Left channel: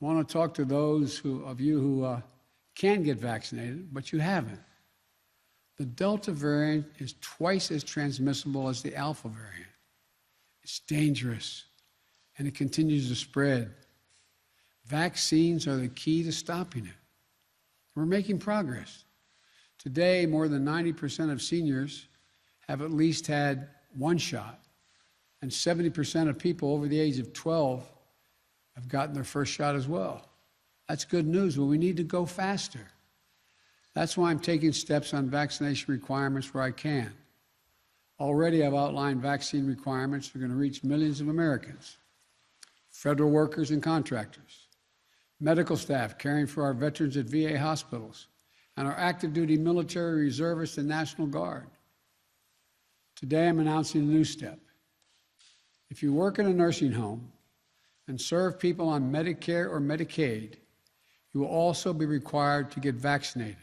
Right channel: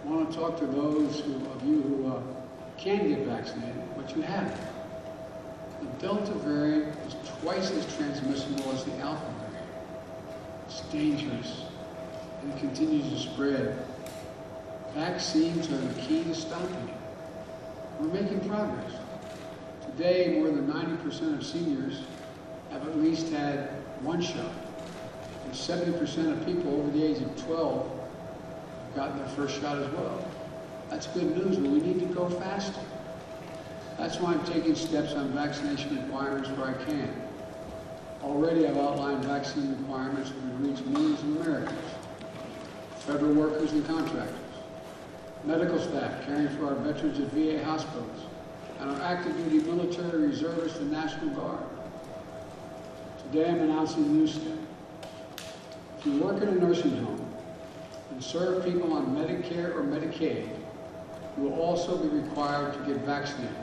I want to talk to those of you who can get vaccinated, but you haven't. The Delta variant is twice as transmissible as the Alpha variant. It's dangerous, and it continues to spread. Vaccines are the key to stopping it. We're making progress. Today, more than 90% of seniors have at least had one shot, and 70% of people over the age of 12 have gotten their first shot as well. That's good news, but we need to go faster. That's why I'm taking steps on vaccination requirements where I can. Already I've outlined vaccine requirements that are going to reach millions of Americans, federal workers and contractors, medical staff caring for our veterans at VA hospitals, and our active duty military reservists and National Guard. Today I'm announcing a new step. If you work in a nursing home and serve people on Medicare or Medicaid, you will also be required to get vaccinated.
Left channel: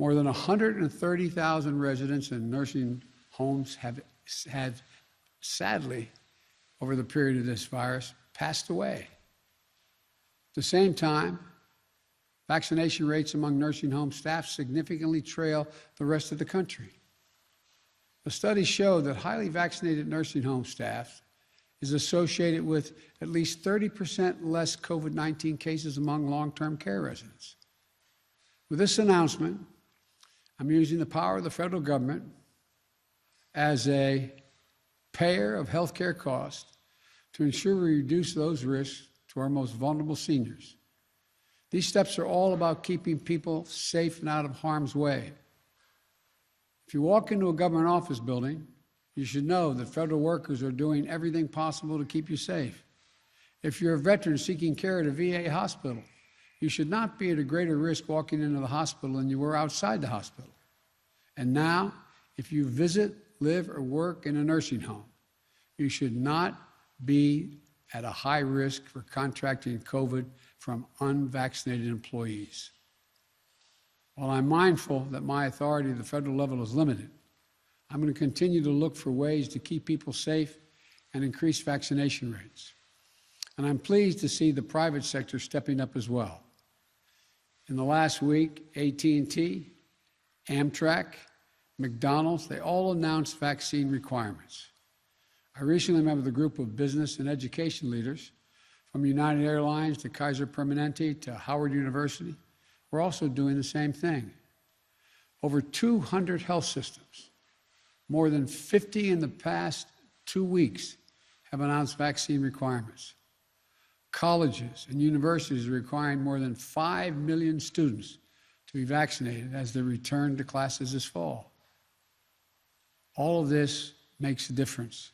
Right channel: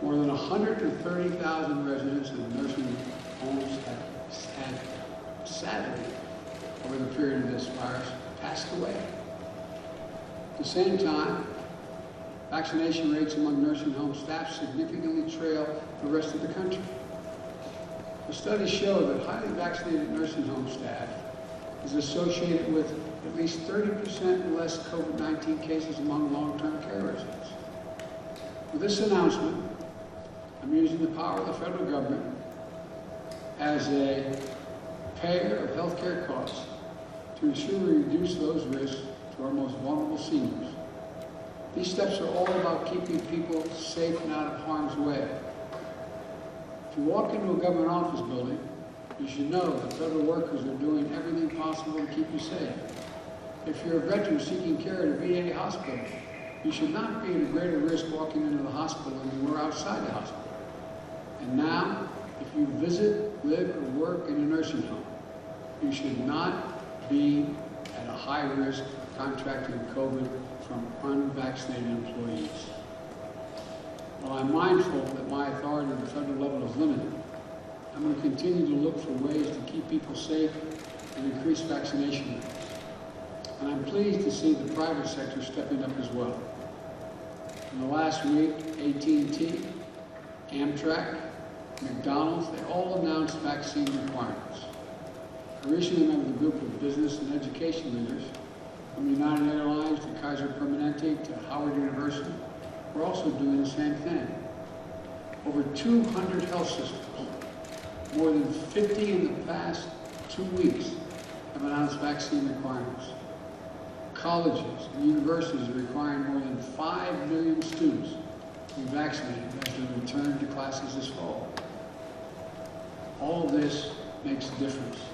More than 130,000 residents in nursing homes have had, sadly, over the period of this virus, passed away. At the same time, vaccination rates among nursing home staff significantly trail the rest of the country. The studies show that highly vaccinated nursing home staff is associated with at least 30% less COVID-19 cases among long-term care residents. With this announcement, I'm using the power of the federal government as a payer of health care costs to ensure we reduce those risks to our most vulnerable seniors. These steps are all about keeping people safe and out of harm's way. If you walk into a government office building, you should know that federal workers are doing everything possible to keep you safe. If you're a veteran seeking care at a VA hospital, you should not be at a greater risk walking into the hospital than you were outside the hospital. And now, if you visit, live, or work in a nursing home, you should not be at a high risk of contracting COVID from unvaccinated employees. While I'm mindful that my authority at the federal level is limited, I'm going to continue to look for ways to keep people safe and increase vaccination rates. And I'm pleased to see the private sector stepping up as well. In the last week, AT&T, Amtrak, McDonald's, they all announced vaccine requirements. I recently met with a group of business and education leaders from United Airlines to Kaiser Permanente to Howard University. We're also doing the same thing. Over 200 health systems, more than 50 in the past 2 weeks, have announced vaccine requirements. Colleges and universities are requiring more than 5 million students to be vaccinated as they return to classes this fall. All of this makes a difference.